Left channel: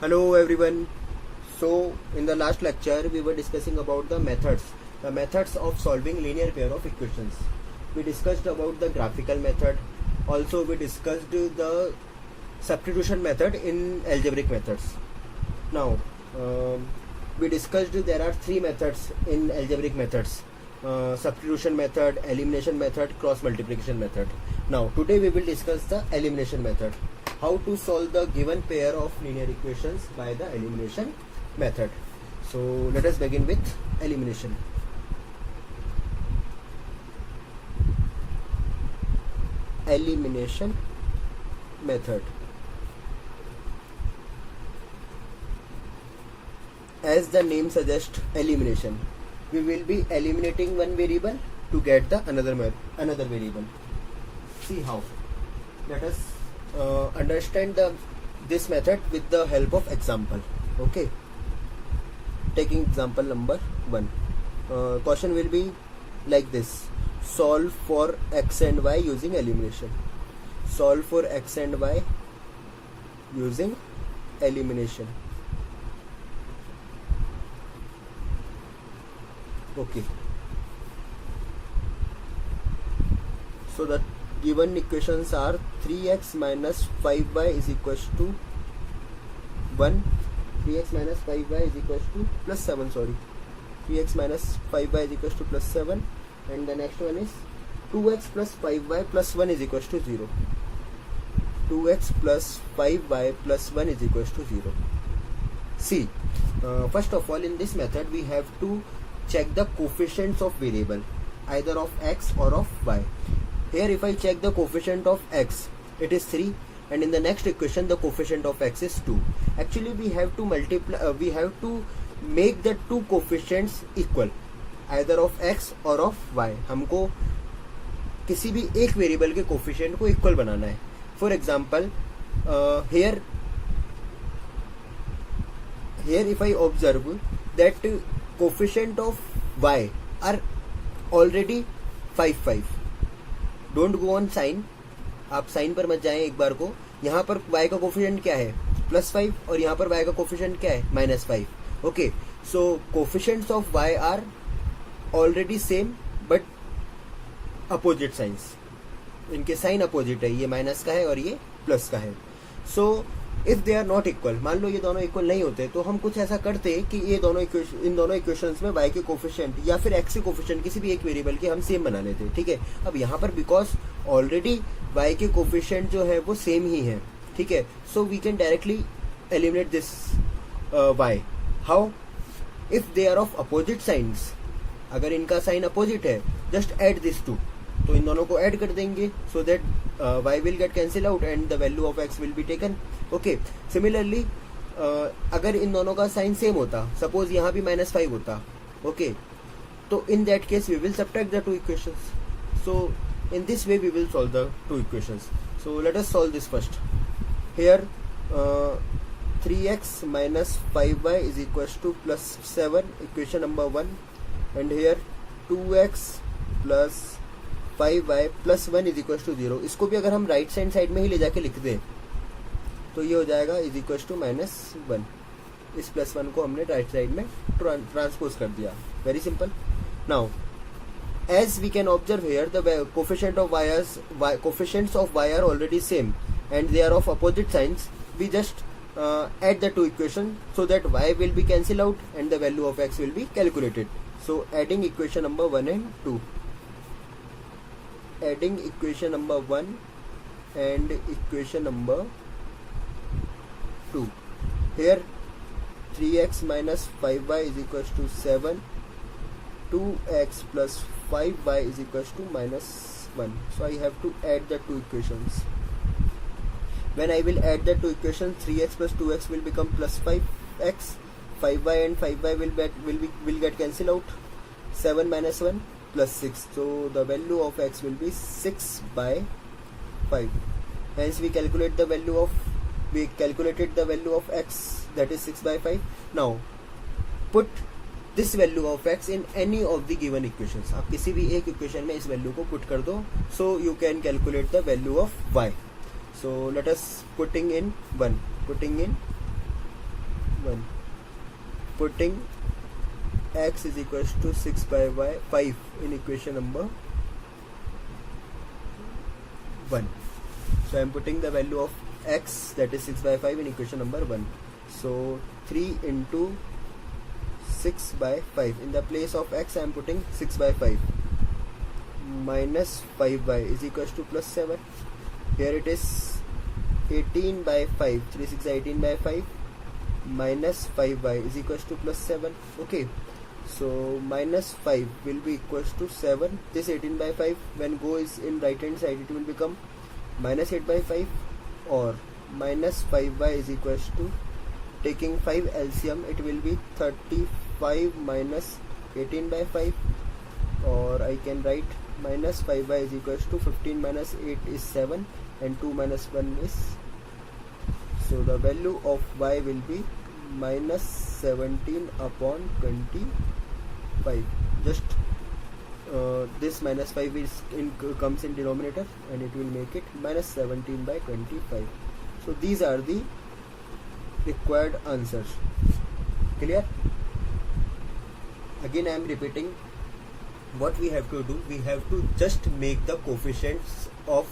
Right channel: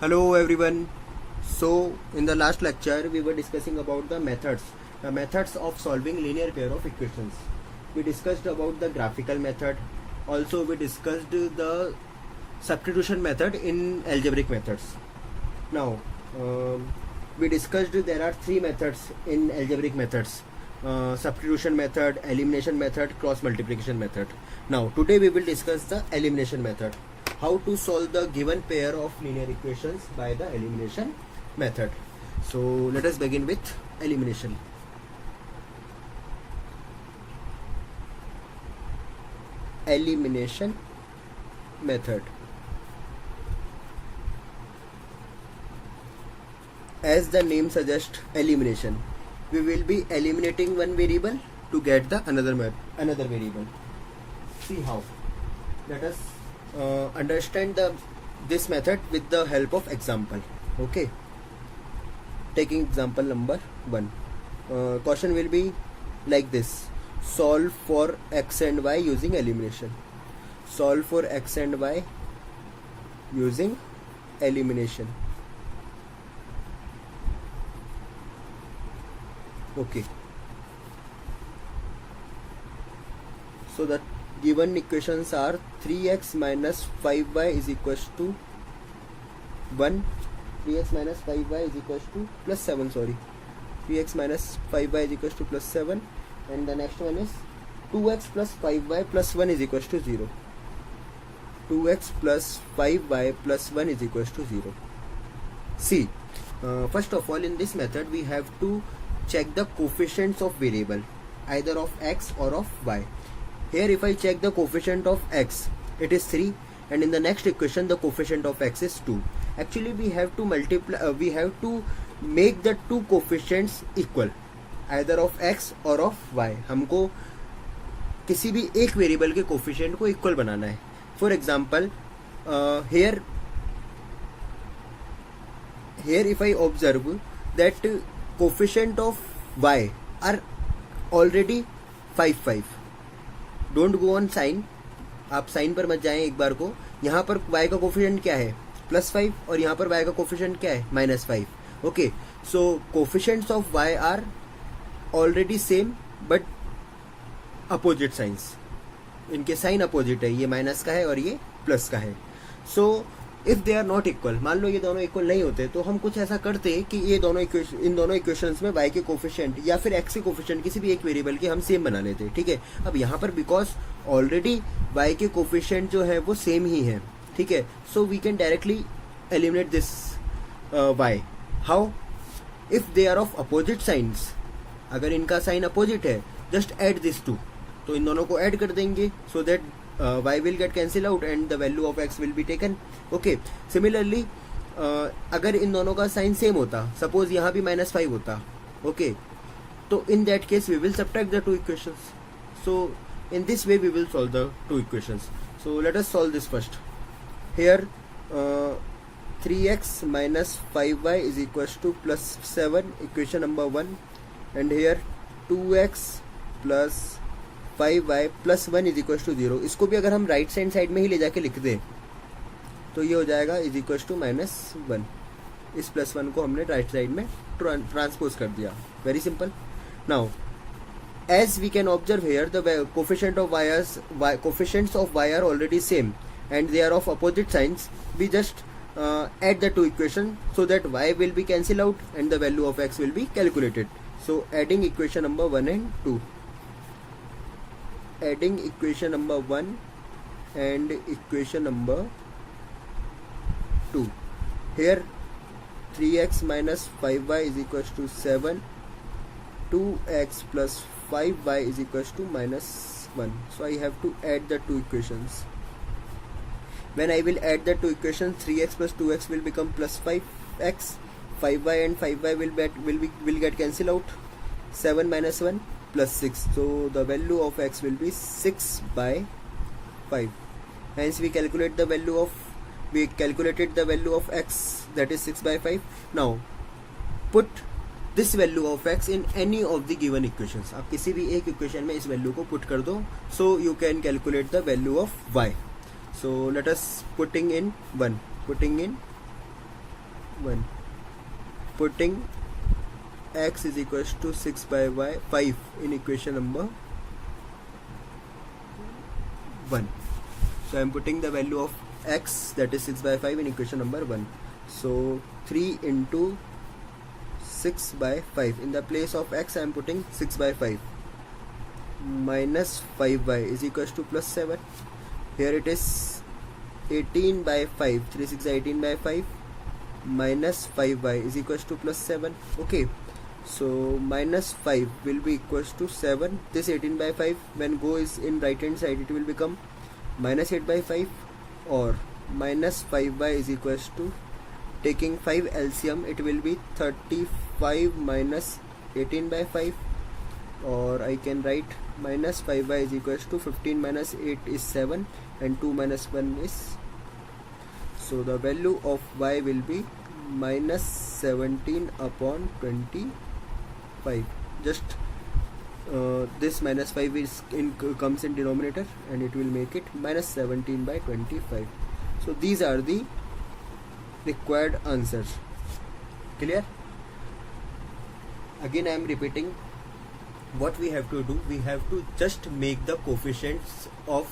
Hello everyone. So in the last lecture we were discussing about the methods of solving linear pair of equations. We discussed about the graphical method. Also we discussed the substitution method in algebraic methods. Now we discussed there are three methods in algebraic methods: substitution method, elimination method, cross multiplication method. Now today we will discuss the elimination method. How to solve the given pair of linear equations by the elimination method. So let us begin with elimination. Elimination method. As the name suggests, elimination. We will be eliminating one variable to get the another variable. See how. Let us understand this method with the help of example. Okay, taking example number 1. Question will be like this: solve for x and y using elimination. Solve for x and y using elimination. Okay, so that given equations are 3x minus 5y is equals to 1. 3x minus 5y is equals to plus 7. 3x minus 5y is equals to plus 7, and the next one is 2x plus 5y plus 1 is equals to 0. 2x plus 5y plus 1 is equals to 0. See, first of all, in this method we have to check the coefficients of variable, either of x or of y. Here if I check the coefficient of x, it is 3, and in the next equation the coefficient of x is 2. Actually we have to make the two coefficients equal, either of x or of y. हमको किसी भी एक variable के coefficient को equal बनाना है. For example here if I observe that coefficient of y are already 5. Don't go on sign, आप sign पर मत जाएं एक बार को. यहाँ पर y का कोफिशिएंट क्या है? +5, और यहाँ पर y का कोफिशिएंट क्या है? -5. Okay, so coefficients of y are already same but opposite signs. इनके साइन अपोजिट है, ये माइनस का है और ये प्लस का है. So if they are not equal, मान लो ये दोनों इक्वल नहीं होते, तो हम कुछ ऐसा करते कि इन दोनों इक्वेशंस में y के कोफिशिएंट या फिर x के कोफिशिएंट किसी भी एक वेरिएबल के हम सेम बना लेते. ठीक है, अब यहाँ पर बिकॉज ऑलरेडी y के कोफिशिएंट जो है वो सेम ही है. ठीक है, so we can directly eliminate this y. How? If they are of opposite signs, अगर इनका साइन अपोजिट है, जस्ट ऐड दिस टू, तो इन दोनों को ऐड कर देंगे so that y will get cancel out and the value of x will be taken. Okay, similarly अगर इन दोनों का साइन सेम होता, सपोज यहाँ भी -5 होता, ओके, तो in that case we will subtract the two equations. So in this way we will solve the two equations. So let us solve this first. Here 3x minus 5y is equals to plus 7, equation number 1, and here 2x plus 5y plus 1 is equal to 0. इसको भी अगर हम right hand side में ही ले जाके लिख दें तो ये हो जाएगा इज इक्वल टू -1. इस +1 को हमने राइट साइड में ट्रांसपोज कर दिया. Very simple. Now as we can observe here the coefficients of y are already same and they are of opposite signs. We just add the two equations so that y will be cancelled out and the value of x will be calculated. So adding equation number 1 and 2. Adding equation number 1 and equation number 2. Here 3x minus 5y is equals to 7. 2x plus 5y is equals to -1. So I have to add the two equations. When I will add the two equations, 3x plus 2x will become plus 5x. 5y and 5y will get cancelled out. 7 minus 1 plus 6. So the value of x will be 6 by 5. Hence we calculated the value of x, that is 6 by 5. Now put this value of x in any of the given equations. आप किसी भी एक equation में इस value को put कर दो, so you can calculate the value of y. So let us putting in 1. Putting x is equals to 6 by y 5 in equation number 1. So I am putting the value of x, that is 6 by 5, in equation number 1. So 3 into 6 by 5. In the place of x I am putting 6 by 5 minus 5y is equals to plus 7. Here it is 18 by 5. 3 6 18 by 5 minus 5y is equals to plus 7. Okay, so minus 5 will be equals to 7. This 18 by 5 when goes in right hand side, it will become minus 8 by 5, or minus 5y is equals to, taking 5 LCM, it will be 35 minus 18 by 5, or I can write minus 5y is equals to 15 minus 8 is 7, and 2 minus 1 is, so the value of y will be minus 17 upon 25. Just this minus 5 is comes in denominator, and it will make it minus 17 by 25. So these are the required answers. Clear? Again I am repeating what we have to do. We have to just make the coefficients of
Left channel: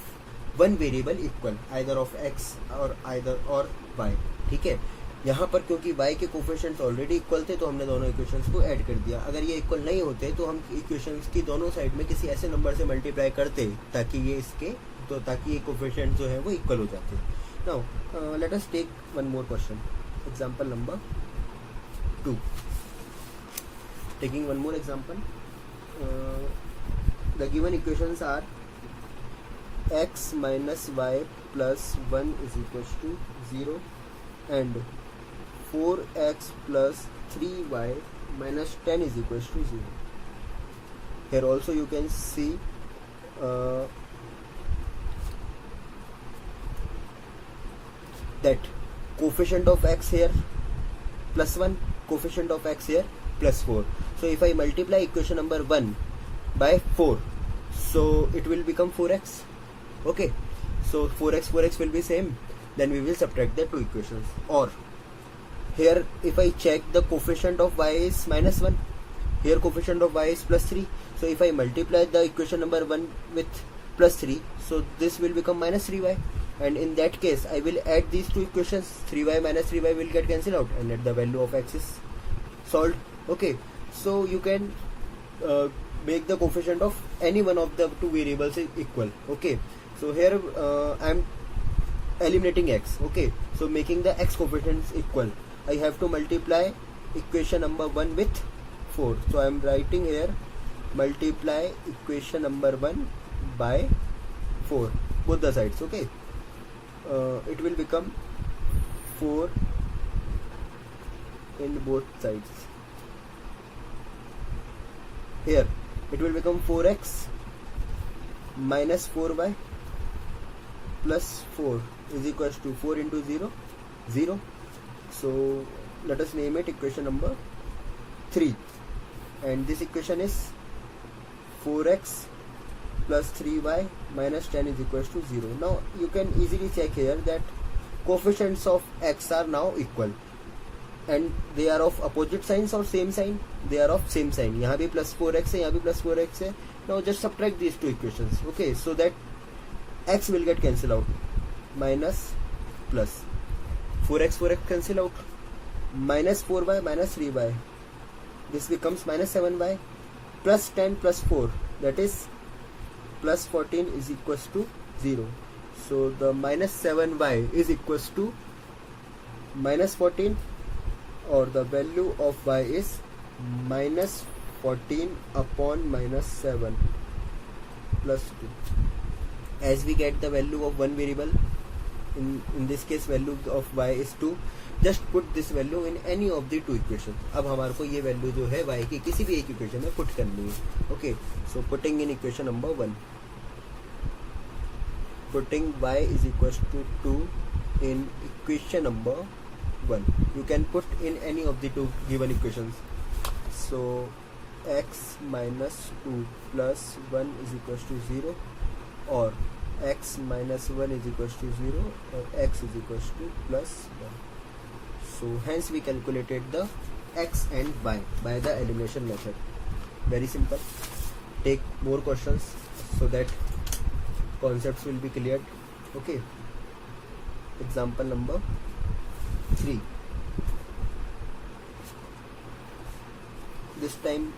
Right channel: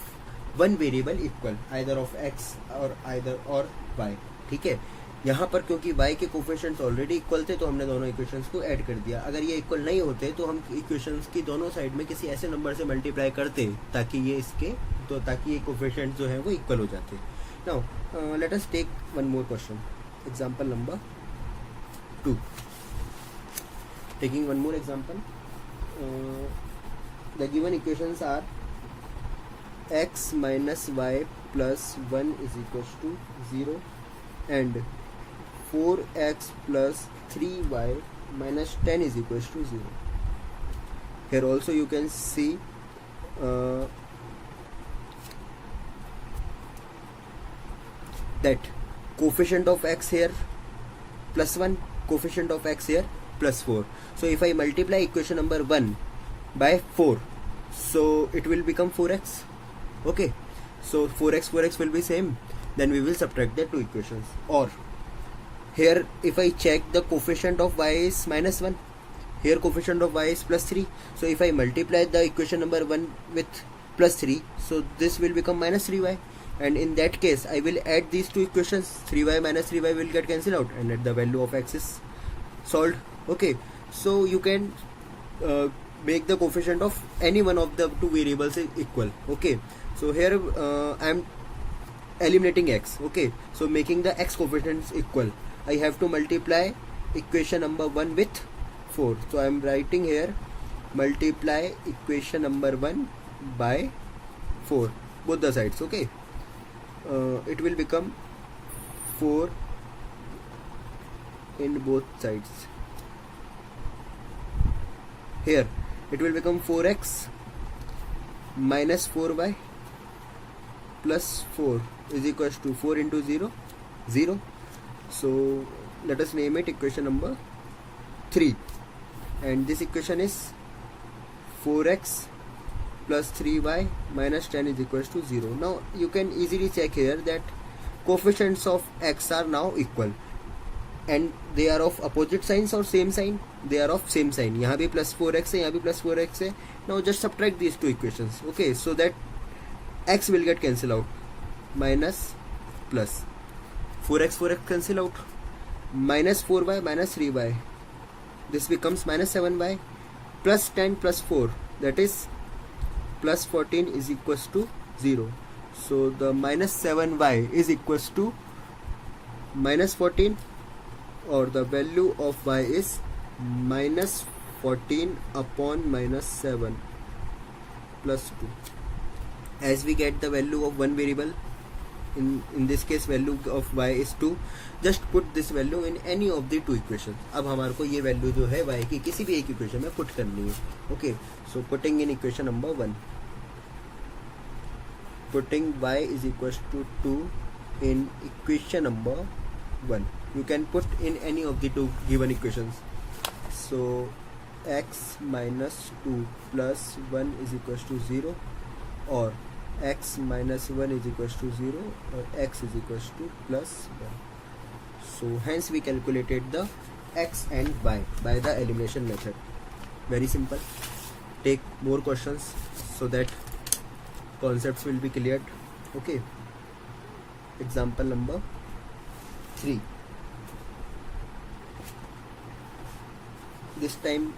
one variable equal, either of x or either or y. ठीक है, यहाँ पर क्योंकि y के coefficients already equal थे तो हमने दोनों इक्वेशंस को ऐड कर दिया. अगर ये इक्वल नहीं होते तो हम इक्वेशंस की दोनों साइड में किसी ऐसे नंबर से मल्टीप्लाई करते ताकि ये इसके, तो ताकि ये कोफिशिएंट्स जो है वो इक्वल हो जाते. Now let us take one more question, example number 2. Taking one more example, the given equations are x minus y plus 1 is equals to 0 and 4x plus 3y minus 10 is equals to 0. Here also you can see that coefficient of x here plus 1, coefficient of x here plus 4. So if I multiply equation number 1 by 4, so it will become 4x. Okay, so 4x will be same, then we will subtract the two equations. Or here if I check, the coefficient of y is minus 1, here coefficient of y is plus 3. So if I multiply the equation number 1 with plus 3, so this will become minus 3y, and in that case I will add these two equations. 3y minus 3y will get cancelled out, and the value of x is solved. Okay, so you can make the coefficient of any one of the two variables equal. Okay, so here I am eliminating x. Okay, so making the x coefficients equal, I have to multiply equation number 1 with 4. So I am writing here multiply equation number 1 by 4, both the sides. Okay, it will become 4 in both sides. Here it will become 4x minus 4y plus 4 is equals to 4 into 0, 0. So let us name it equation number 3, and this equation is 4x plus 3y minus 10 is equals to 0. Now you can easily check here that coefficients of x are now equal, and they are of opposite signs or same sign. They are of same sign. यहाँ भी plus 4x है, यहाँ भी plus 4x है. Now just subtract these two equations. Okay, so that x will get cancelled out. Minus plus 4x cancel out. Minus 4y minus 3y. This becomes minus 7y plus 10 plus 4. That is plus 14 is equals to 0. So the minus 7y is equals to minus 14, or the value of y is minus 14 upon minus 7 plus 2. As we get the value of one variable, in this case value of y is 2, just put this value in any of the two equations. अब हमारे को ये value जो है y की किसी भी एक equation में put करनी है. Okay, so putting in equation number 1, putting y is equals to 2 in equation number 1. You can put in any of the two given equations. So x minus 2 plus 1 is equals to 0, or x minus 1 is equals to 0, or x is equals to plus 1. So hence we calculated the x and y by the elimination method. Very simple. Take more questions so that concepts will be cleared. Okay. Example number 3. This time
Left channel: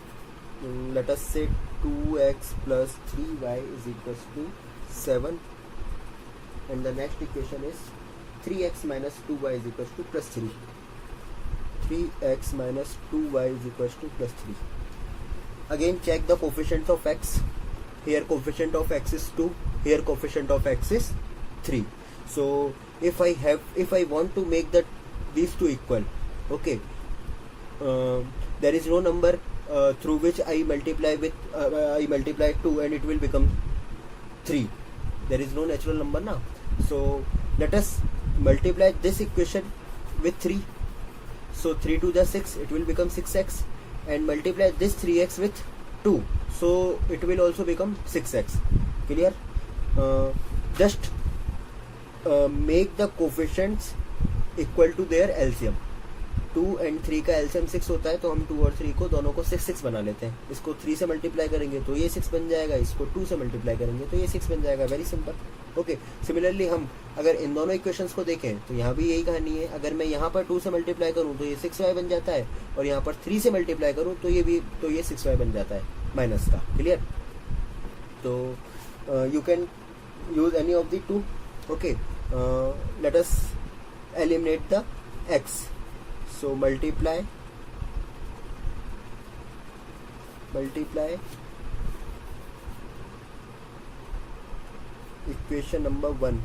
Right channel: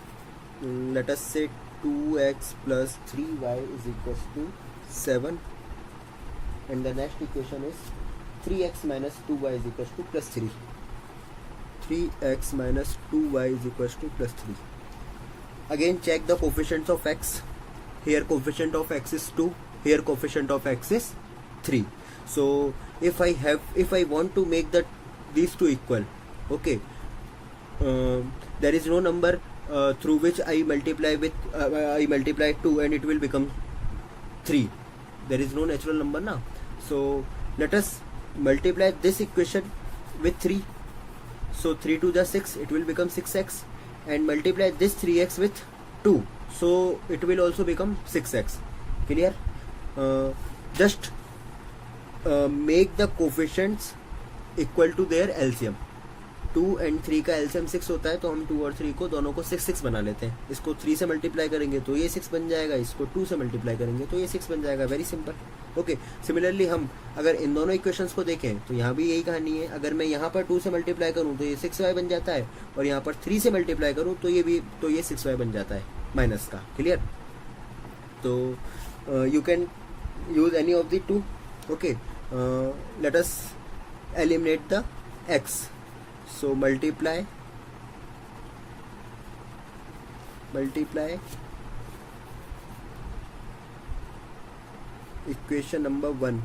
let us say 2x plus 3y is equals to 7, and the next equation is 3x minus 2y is equals to plus 3. 3x minus 2y is equals to plus 3. Again check the coefficients of x. Here coefficient of x is 2, here coefficient of x is 3. So if I want to make these two equal, okay, there is no number through which I multiply 2 and it will become 3. There is no natural number now. So let us multiply this equation with 3. So 3 to the 6, it will become 6x, and multiply this 3x with 2, so it will also become 6x. Clear? Just make the coefficients equal to their LCM. 2 and 3 का LCM 6 होता है, तो हम 2 और 3 को दोनों को 6 बना लेते हैं. इसको 3 से मल्टीप्लाई करेंगे तो ये 6 बन जाएगा, इसको 2 से मल्टीप्लाई करेंगे तो ये 6 बन जाएगा. Very simple. ओके. सिमिलरली हम अगर इन दोनों इक्वेशंस को देखें तो यहाँ भी यही कहानी है. अगर मैं यहाँ पर 2 से मल्टीप्लाई करूँ तो ये 6y बन जाता है, और यहाँ पर 3 से मल्टीप्लाई करूँ तो ये 6y बन जाता है माइनस का. क्लियर? तो you can use any of the two. Okay. Let us eliminate the x. So multiply equation number 1.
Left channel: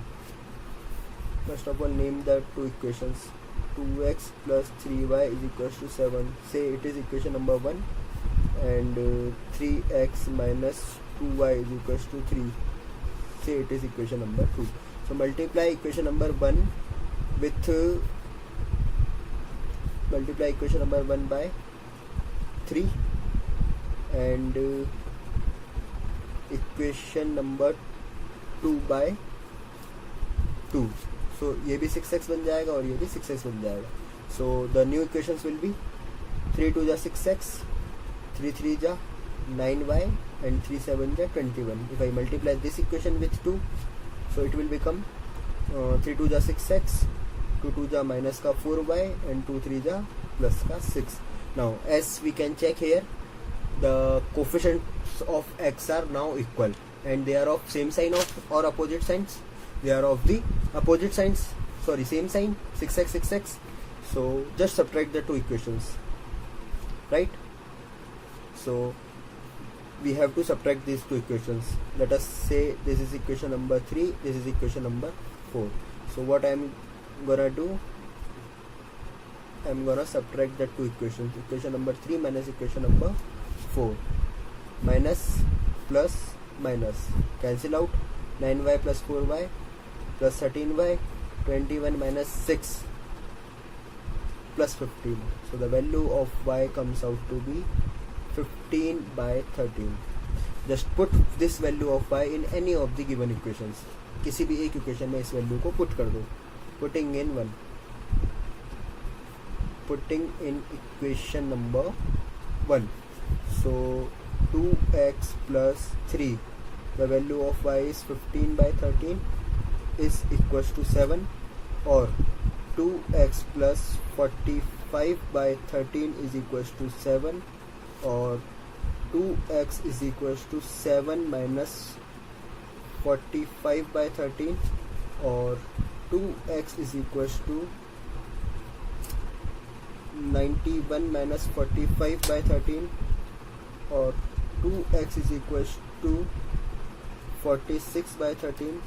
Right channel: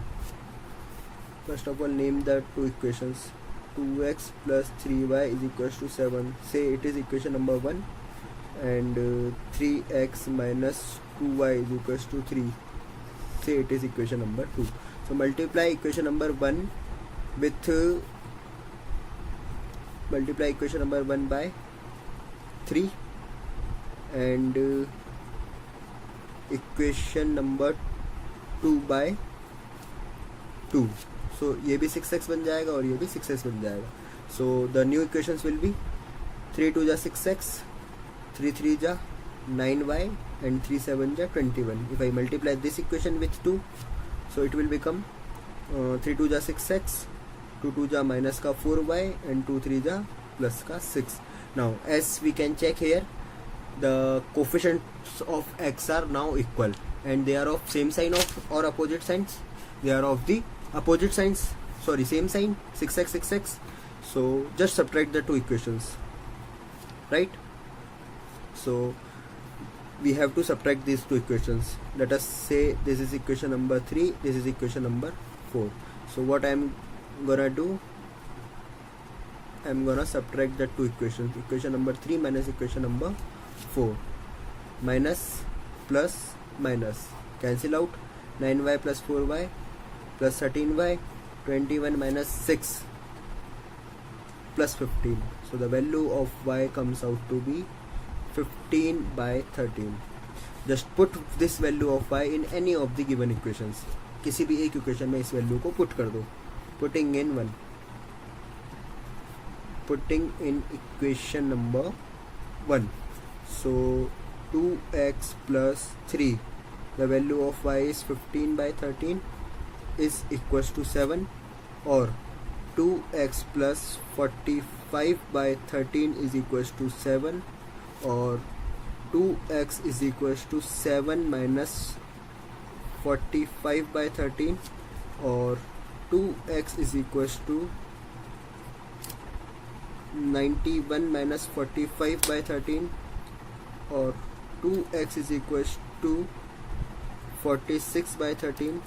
First of all, name the two equations. 2x plus 3y is equals to 7. Say it is equation number 1, and 3x minus 2y is equals to 3. Say it is equation number 2. So multiply equation number 1 with multiply equation number 1 by 3, and equation number 2 by 2. So ये भी 6x बन जाएगा और ये भी 6x बन जाएगा. So the new equations will be 3 2 जा 6x, 3 3 जा 9y, and 3 7 जा 21. If I multiply this equation with 2, so it will become 3 2 जा 6x, 2 2 जा minus का 4y, and 2 3 जा plus का 6. Now as we can check here, the coefficients of x are now equal, and they are of same sign or opposite signs. They are of the opposite signs. Sorry, same sign. 6x 6x. So just subtract the two equations, right? So we have to subtract these two equations. Let us say this is equation number 3, this is equation number 4. So what I am gonna do, I'm gonna subtract the two equations. Equation number 3 minus equation number 4. Minus plus minus cancel out. 9y plus 4y plus 13y, 21 minus 6 plus 15. So the value of y comes out to be 15 by 13. Just put this value of y in any of the given equations. किसी भी एक equation में इस value को put कर दो. Putting in equation number 1. So 2x plus 3, the value of y is 15 by 13 is equals to 7, or 2x plus 45 by 13 is equals to 7, or 2x is equals to 7 minus 45 by 13, or 2x is equals to 91 minus 45 by 13, or 2x is equals to 46 by 13,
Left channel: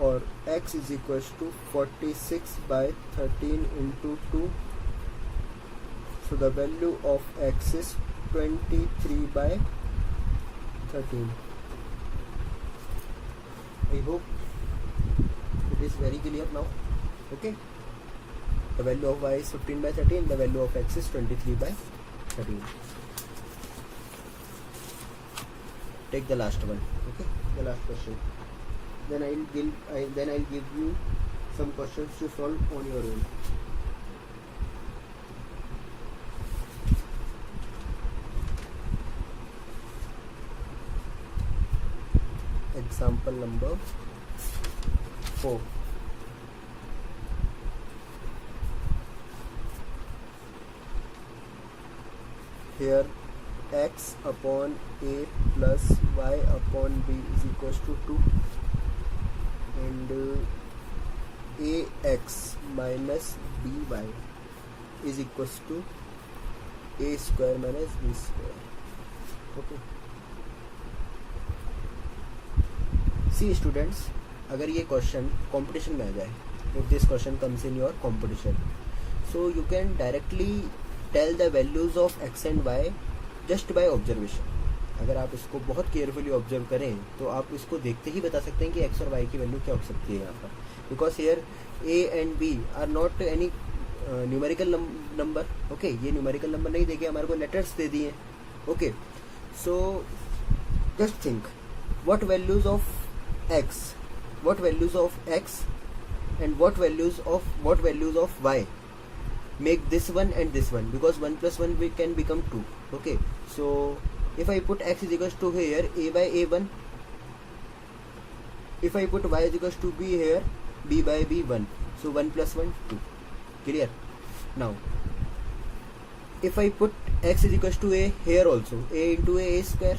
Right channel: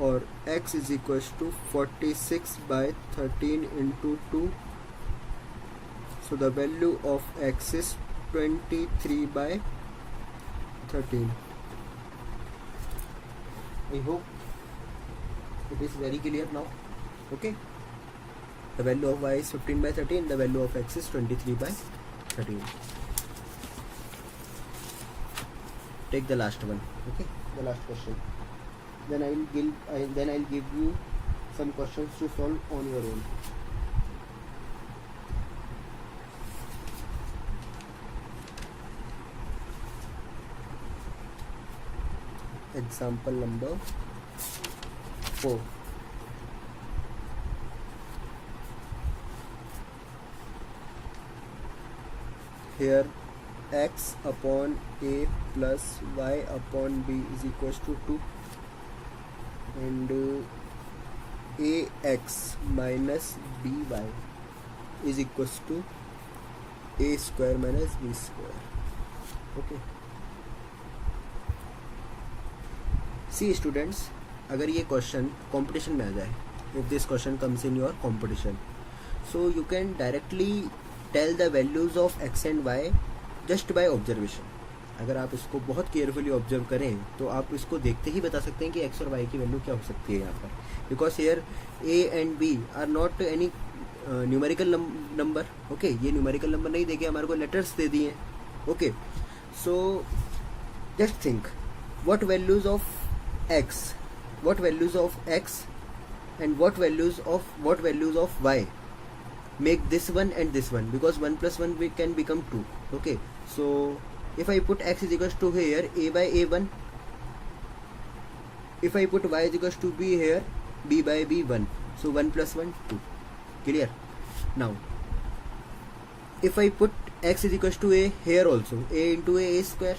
or x is equals to 46 by 13 into 2. So the value of x is 23 by 13. I hope it is very clear now. Okay. The value of y is 15 by 13. The value of x is 23 by 13. Take the last one. Okay. The last question. Then I'll give you some questions to solve on your own. example number 4. Here x upon a plus y upon b is equals to 2, and ax minus by is equals to a square minus b square. Okay. See students, अगर ये question competition में आ जाए, if this question comes in your competition, so you can directly tell the values of x and y just by observation. अगर आप इसको बहुत carefully observe करें तो आप इसको देखते ही बता सकते हैं कि x और y की वैल्यू क्या हो सकती है यहाँ पर, because here a and b are not any numerical number. ओके, ये न्यूमेरिकल नंबर नहीं देके हमारे को लेटर्स दे दिए. Okay, so just think what values of x and what values of y make this one and this one, because 1 plus 1 we can become 2. Okay, so if I put x is equals to here a by a1, if I put y is equals to b here b by b1, so 1 plus 1 2. Clear? Now if I put x is equals to a here also, a into a square,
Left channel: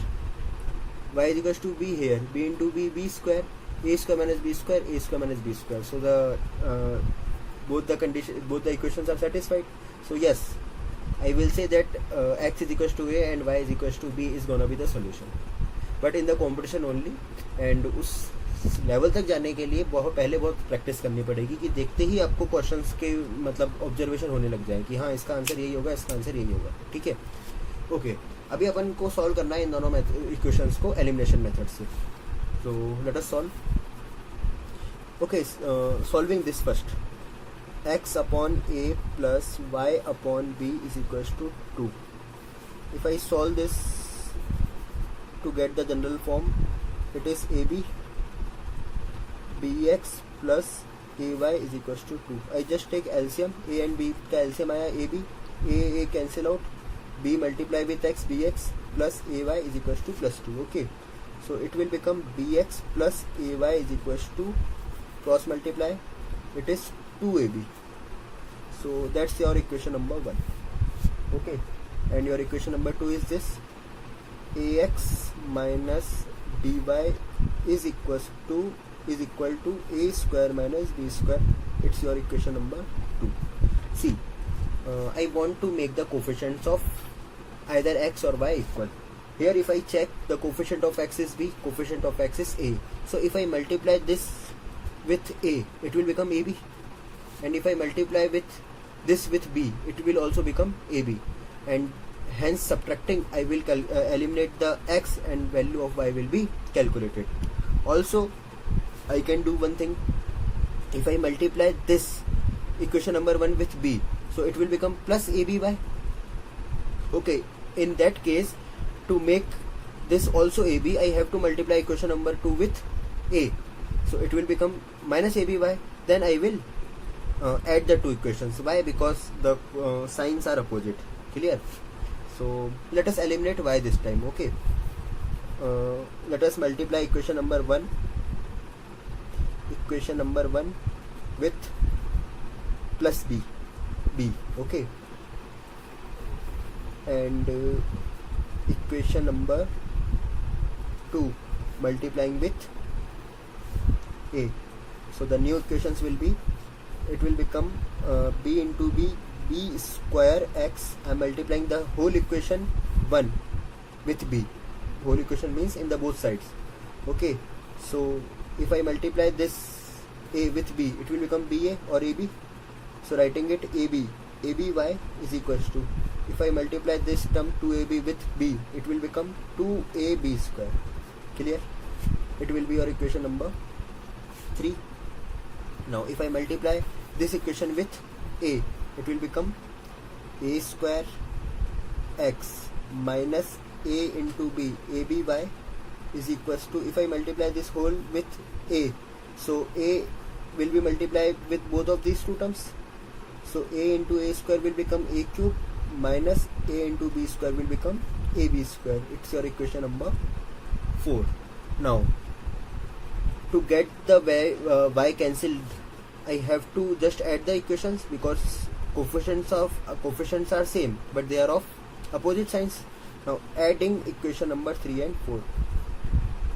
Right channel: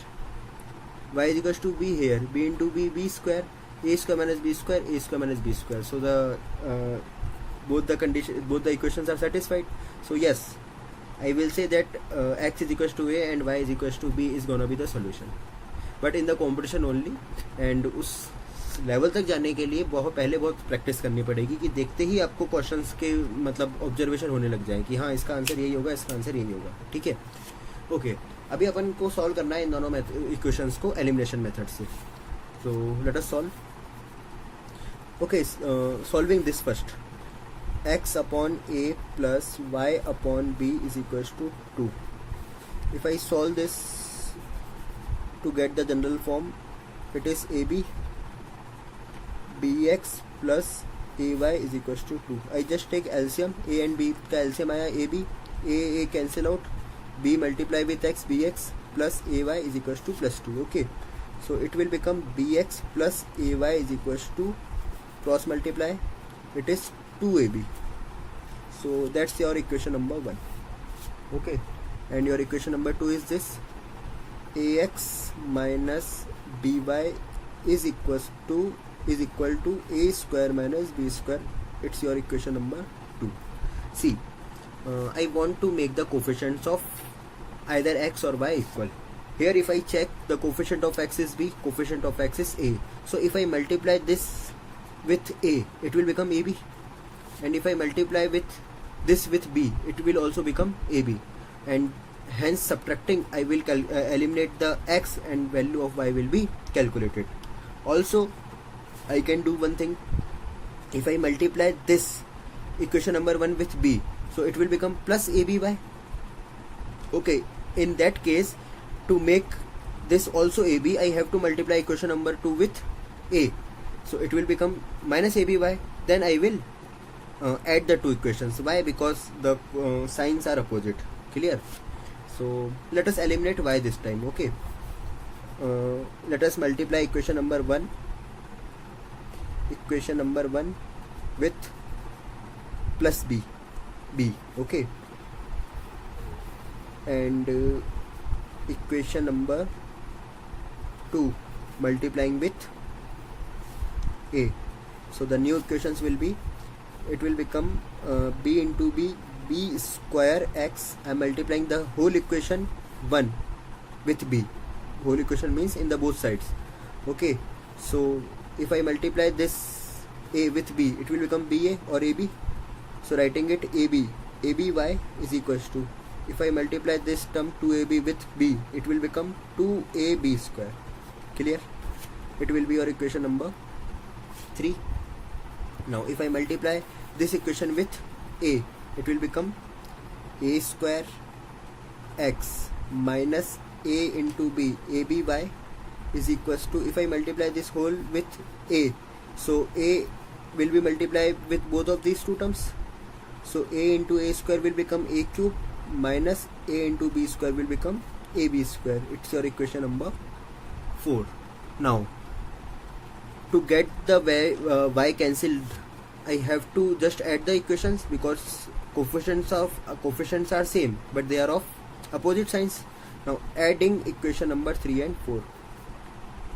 y is equals to b here, b into b square, a square minus b square, a square minus b square. So the both the equations are satisfied. So yes, I will say that x is equals to a and y is equals to b is gonna be the solution. But in the competition only, and उस level तक जाने के लिए बहुत practice करनी पड़ेगी कि देखते ही आपको क्वेश्चंस के मतलब ऑब्जर्वेशन होने लग जाए कि हाँ इसका आंसर यही होगा, इसका आंसर यही होगा. ठीक है. ओके, अभी अपन को सॉल्व करना है इन दोनों इक्वेशंस को एलिमिनेशन मेथड से. तो let us solve. Okay, solving this first. x upon a plus y upon b is equals to 2. If I solve this to get the general form, it is ab bx plus ay is equals to 2. I just take LCM. A and b का LCM आया ab, a cancel out, b multiply with x bx plus ay is equals to plus 2. Okay, so it will become bx plus ay is equals to, cross multiply, it is 2ab. So that's your equation number 1. Okay, and your equation number 2 is this: ax minus by is equal to a square minus b square. It's your equation number 2. See, I want to make the coefficients of either x or y equal. Here if I check, the coefficient of x is b, coefficient of x is a. So if I multiply this with a, it will become ab, and if I multiply with this with b, it will also become ab, and hence subtracting I will eliminate the x and value of y will be calculated. Also I can do one thing. If I multiply this equation number 1 with b, so it will become plus aby. Okay, in that case, to make this also ab, I have to multiply equation number 2 with a, so it will become minus aby. Then I will add the two equations. Why? Because the signs are opposite. Clear? So let us eliminate y this time. Okay, let us multiply equation number 1 with plus b. Okay, and equation number 2 multiplying with a. So the new equations will be, it will become b into b square x. I am multiplying the whole equation 1 with b. Whole equation means in the both sides. Okay, so if I multiply this a with b, it will become ba or ab. So writing it aby is equals to, if I multiply this term 2ab with b, it will become 2ab square. Clear? It will be your equation number 3. Now if I multiply this equation with a, it will become a square x minus a into b, aby is equals to, if I multiply this whole with a, so a will be multiplied with both of these two terms, so a into a square will become a cube minus a into b square will become ab square. It's your equation number 4. Now to get the y cancelled, I have to just add the equations because coefficients are same but they are of opposite signs. Now adding equation number 3 and 4,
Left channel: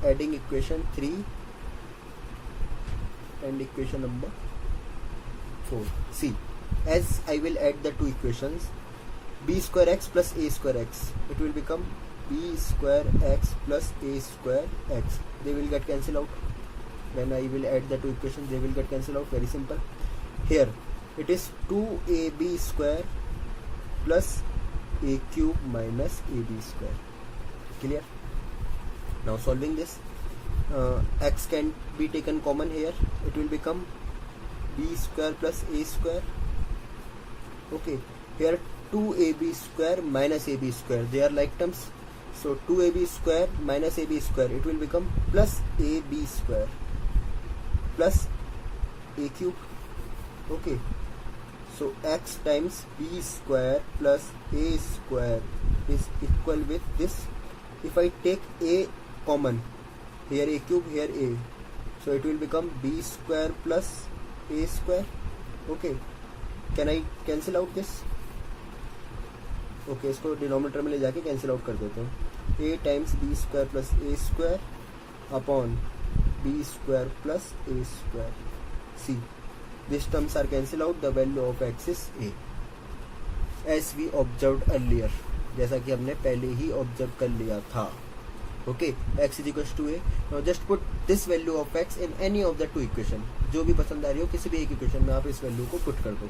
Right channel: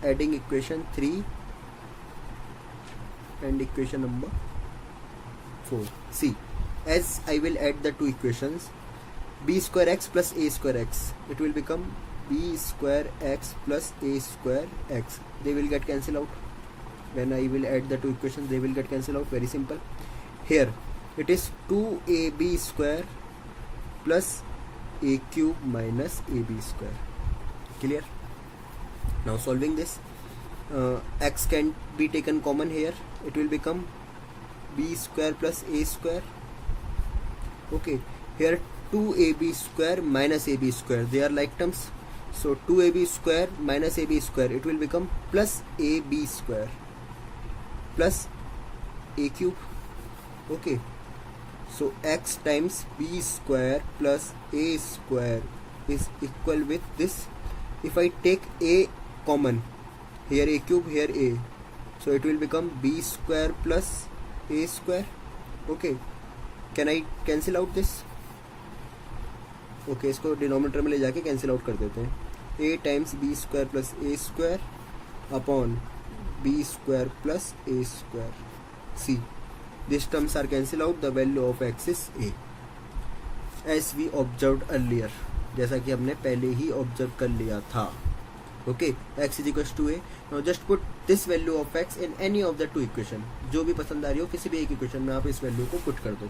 adding equation 3 and equation number 4. See, as I will add the two equations, b square x plus a square x, it will become b square x plus a square x. They will get cancelled out. When I will add the two equations, they will get cancelled out. Very simple. Here it is 2ab square plus a cube minus ab square. Clear? Now solving this, x can be taken common here. It will become b square plus a square. Okay, here 2ab square minus ab square, they are like terms. So 2ab square minus ab square, it will become plus ab square plus a cube. Okay, so x times b square plus a square is equal with this. If I take a common, here a cube, here a, so it will become b square plus a square. Okay, can I cancel out this? Okay, इसको denominator में ले जाके cancel out कर देते हैं. a times b square plus a square upon b square plus a square. See, these terms are cancelled out. The value of x is a, as we observed earlier, जैसा कि हमने पहले ही observe कर लिया था. Okay, x is equals to a. Now just put this value of x in any of the two equation. जो भी पसंद आ रही हो किसी भी एक इक्वेशन में आप इस वैल्यू को पुट कर दो.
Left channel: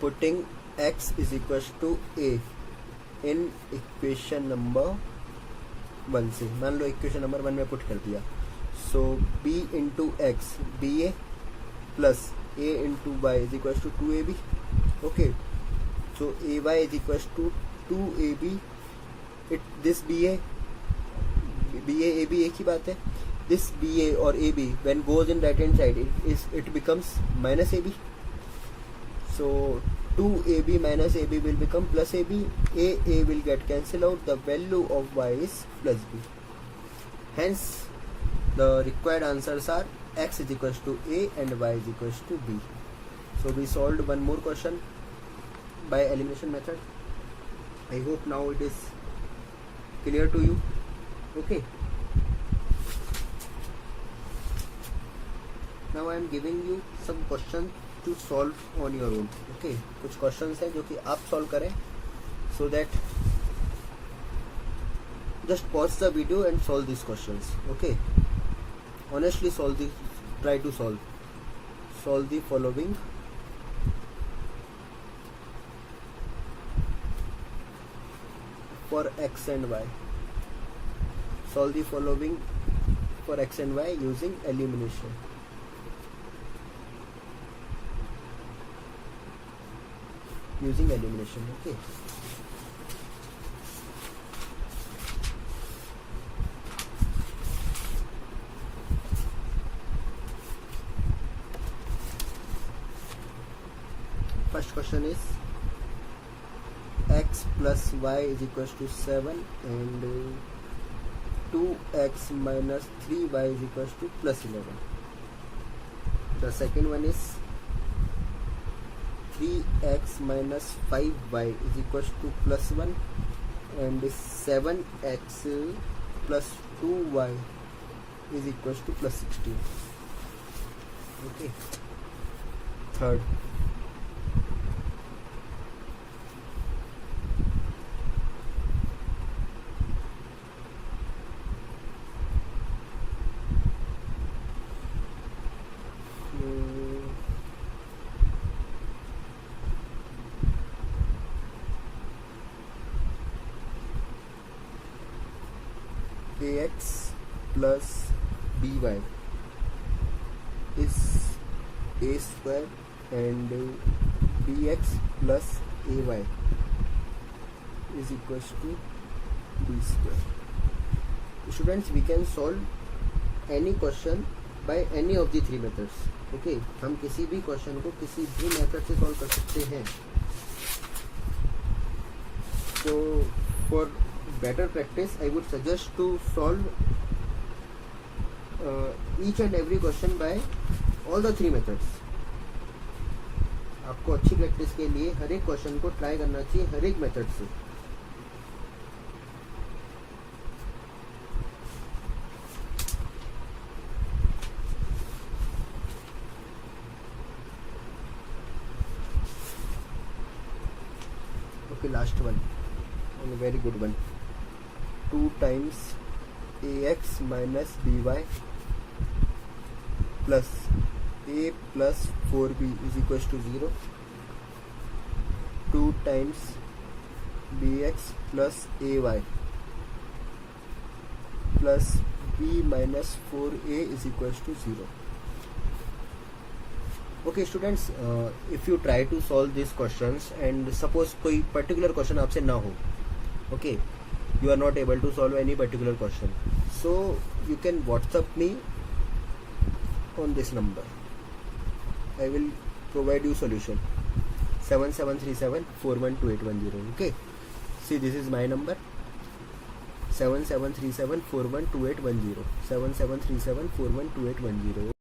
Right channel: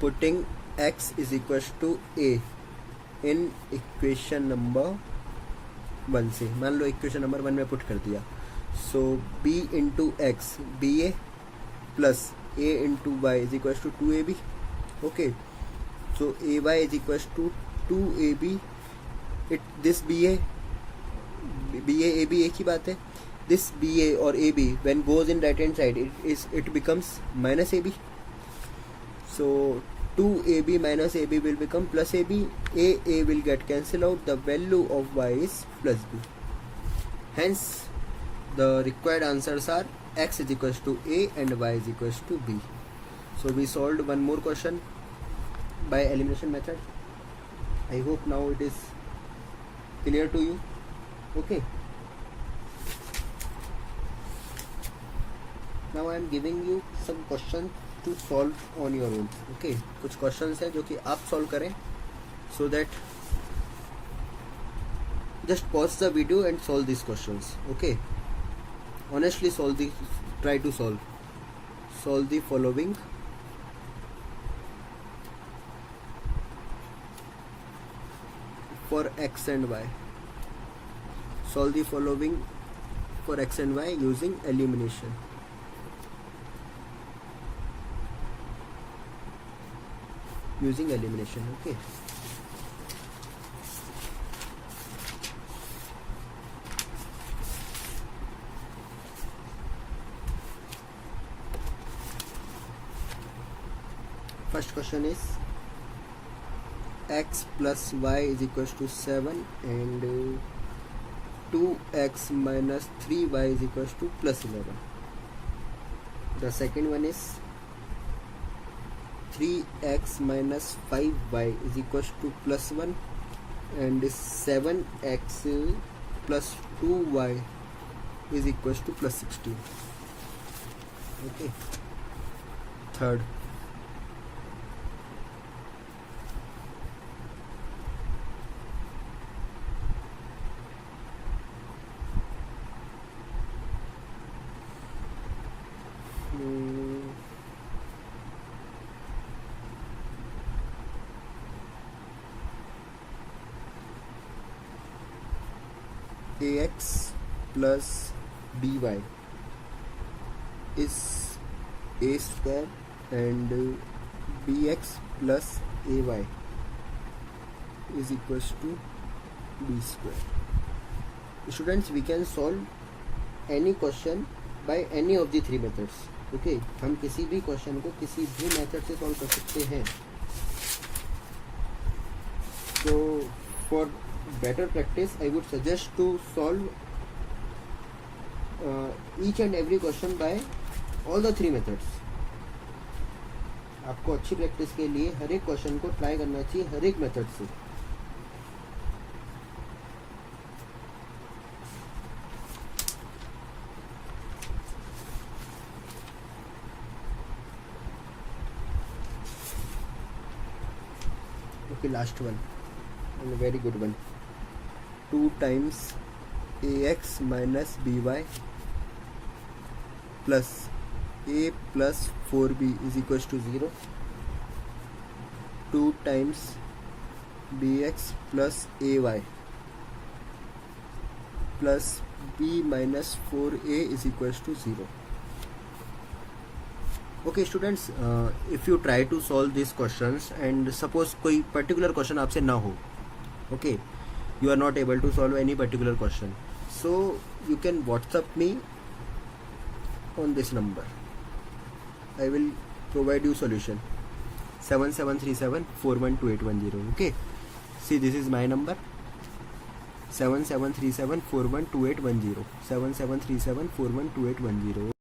Putting x is equals to a in equation number 1 से, मान लो इक्वेशन नंबर 1 में पुट कर दिया. So b into x, ba plus a into y is equals to 2ab. Okay, so ay is equals to 2ab. This ba ab एक ही बात है. This ba or ab when goes in right hand side, it becomes minus ab. So 2ab minus ab will become plus ab. A will get cancelled out. The value of y is plus b. Hence the required answers are x is equals to a and y is equals to b. So we solved one more question by elimination method. I hope now it is clear to you. Okay. Now I am giving you some questions to solve on your own. Okay, कुछ questions है जो कि आप solve करें, so that just pause the video and solve these questions. Okay, honestly try to solve the following. For x and y, solve the following for x and y using elimination. Okay, first question is x plus y is equals to 7 and 2x minus 3y is equals to plus 11. The second one is 3x minus 5y is equals to plus 1 and 7x plus 2y is equals to plus 16. Okay. Third, ax plus by is a square and bx plus ay is equals to b square. Students, we can solve any question by any of the three methods. Okay, हम किसी भी question को किसी भी method से solve कर सकते हैं. So for better practice, I would suggest to solve each and every question by all the 3 methods. आपको अच्छी प्रैक्टिस के लिए हर एक क्वेश्चन को ट्राई करना चाहिए हर एक मेथड से. Okay, last one and a very good one. 2 times ax minus by plus a plus 4b is equals to 0. 2 times bx plus ay plus b minus 4a is equals to 0. Okay students, if you try to solve these questions and suppose कोई particular question आपसे ना हो, okay, you are not able to solve any particular question, so you can WhatsApp me on this number. I will provide you solution. 7737412810. Okay, see, this is my number. 7737412810. 7737412810.